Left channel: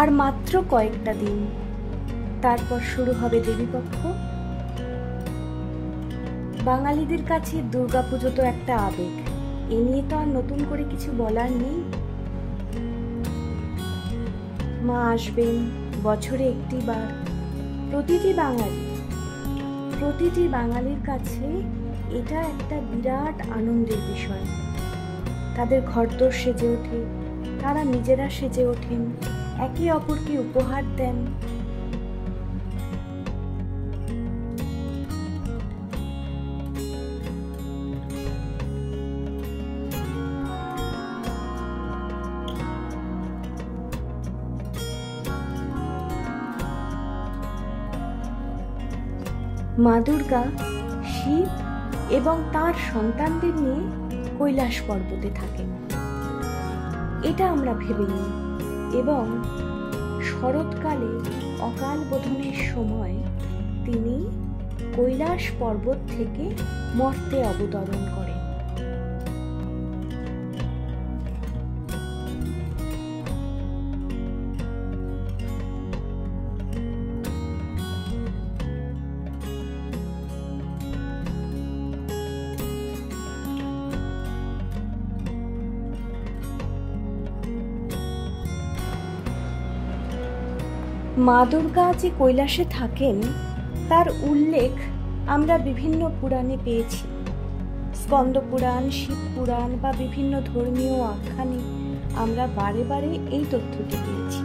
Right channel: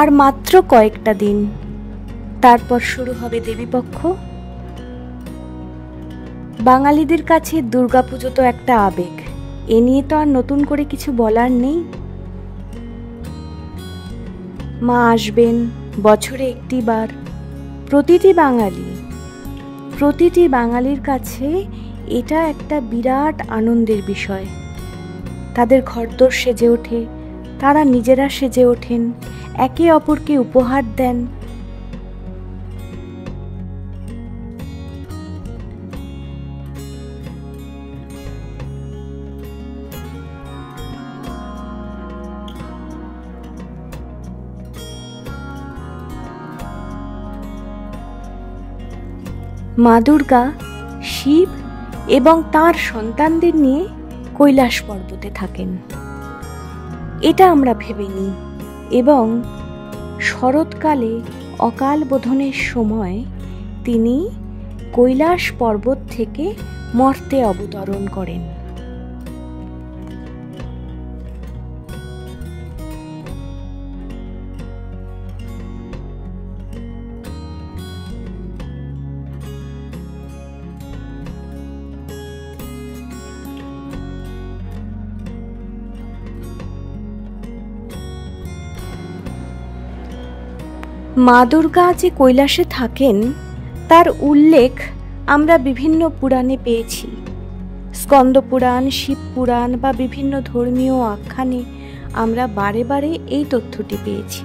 আর মাত্র কয়েকটা দিন, তারপর শুরু হবে দেবীপক্ষ। বাঙালিদের কাছে দুর্গাপুজো তো একটা আবেগ, এ নিয়ে তো আর নতুন করে কিছু বলার নেই। মা আসবেন বছরে একটি বার। প্রতিটি বাঙালির কাছে এটা একটা বিরাট আনন্দের বিষয়। তাদের ঘরদোর সেজে ওঠে, তারা নিজেরা সেজে ওঠেন, একে অপরকে উপহার দেন। মা দুর্গা শিব এবং তার সন্তানদের নিয়ে কৈলাস পর্বতে থাকেন, এটা আমরা ভেবে নিই। এবং শরৎকালে অকাল বোধনের সময় তিনি কৈলাস পর্বত থেকে মর্তে অবতরণ করেন। মা দুর্গা যে কৈলাসে থাকেন তার উল্লেখ আমরা বিভিন্ন পুরাণে পেয়েছি। স্কন্দ পুরাণ, শিব পুরাণ বা বিভিন্ন ধর্মীয় আখ্যানে আমরা বারে বারে এই তথ্যটি পেয়েছি।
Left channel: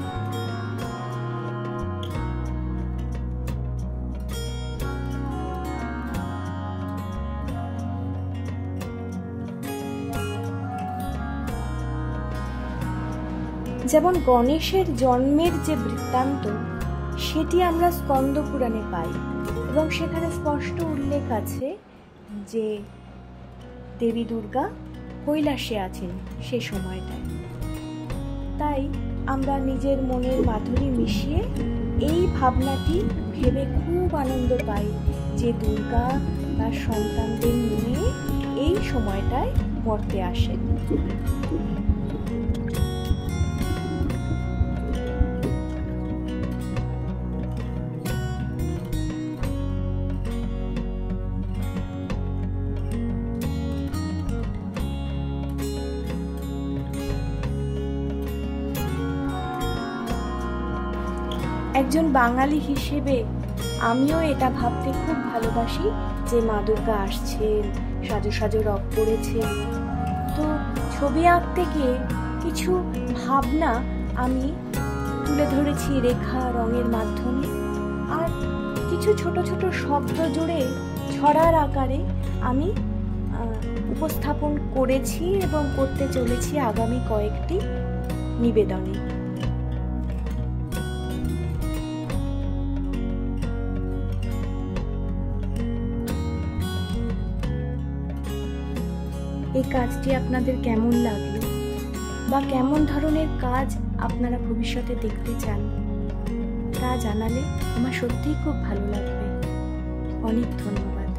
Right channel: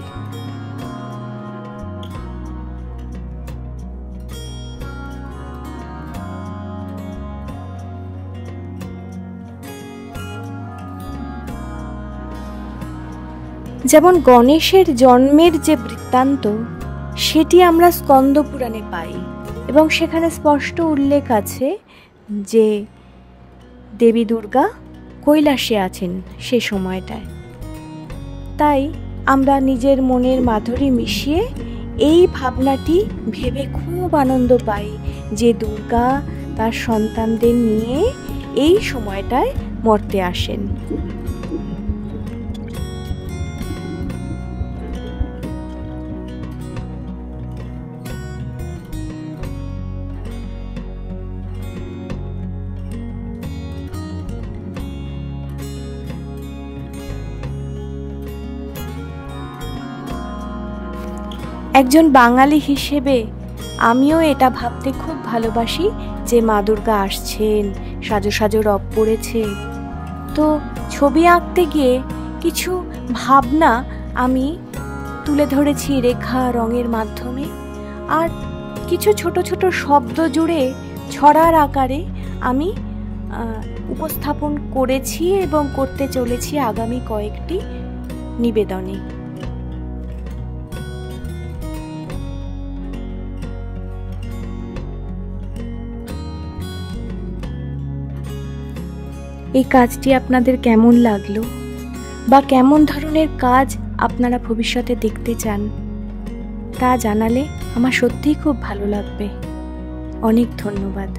যেমন গণেশের জন্মের যে বৃত্তান্ত, সেটি আমরা স্কন্দ পুরাণে পাই এবং সেখানে স্পষ্ট উল্লেখ আছে যে দেবী দুর্গা কৈলাসে আছেন সে সময়টায়। তাই আমরা নিজের মনের মাধুরী মিশিয়ে এই ভাবনাটি ভেবে খুব আনন্দ পাই যে দুর্গা তার সন্তানদের নিয়ে এই সময়টায় মর্তে আসেন। একজন বাঙালি হিসেবে আমিও এটা ভাবতে খুব ভালোবাসি যে মা দুর্গা আসছেন, সাজো সাজো রব পড়েছে। তো ছবি আঁকতে গিয়ে কিছু ভাবনা আমি তুলে ধরেছি রেখা রঙের মাধ্যমে, আর কিছু ছোট ছোট শব্দ জুড়ে ছড়ার আকারে আমি উপস্থাপন করেছি এবং করতে চলেছি আগামী কয়েকটি নিবেদনে। এই কাজটি আপনাদের কেমন লাগলো বা কেমন ধরনের কাজ আপনারা ভবিষ্যতে দেখতে চান তা জানালে আমার সত্যিই খুব ভালো লাগবে। অনেক ধন্যবাদ।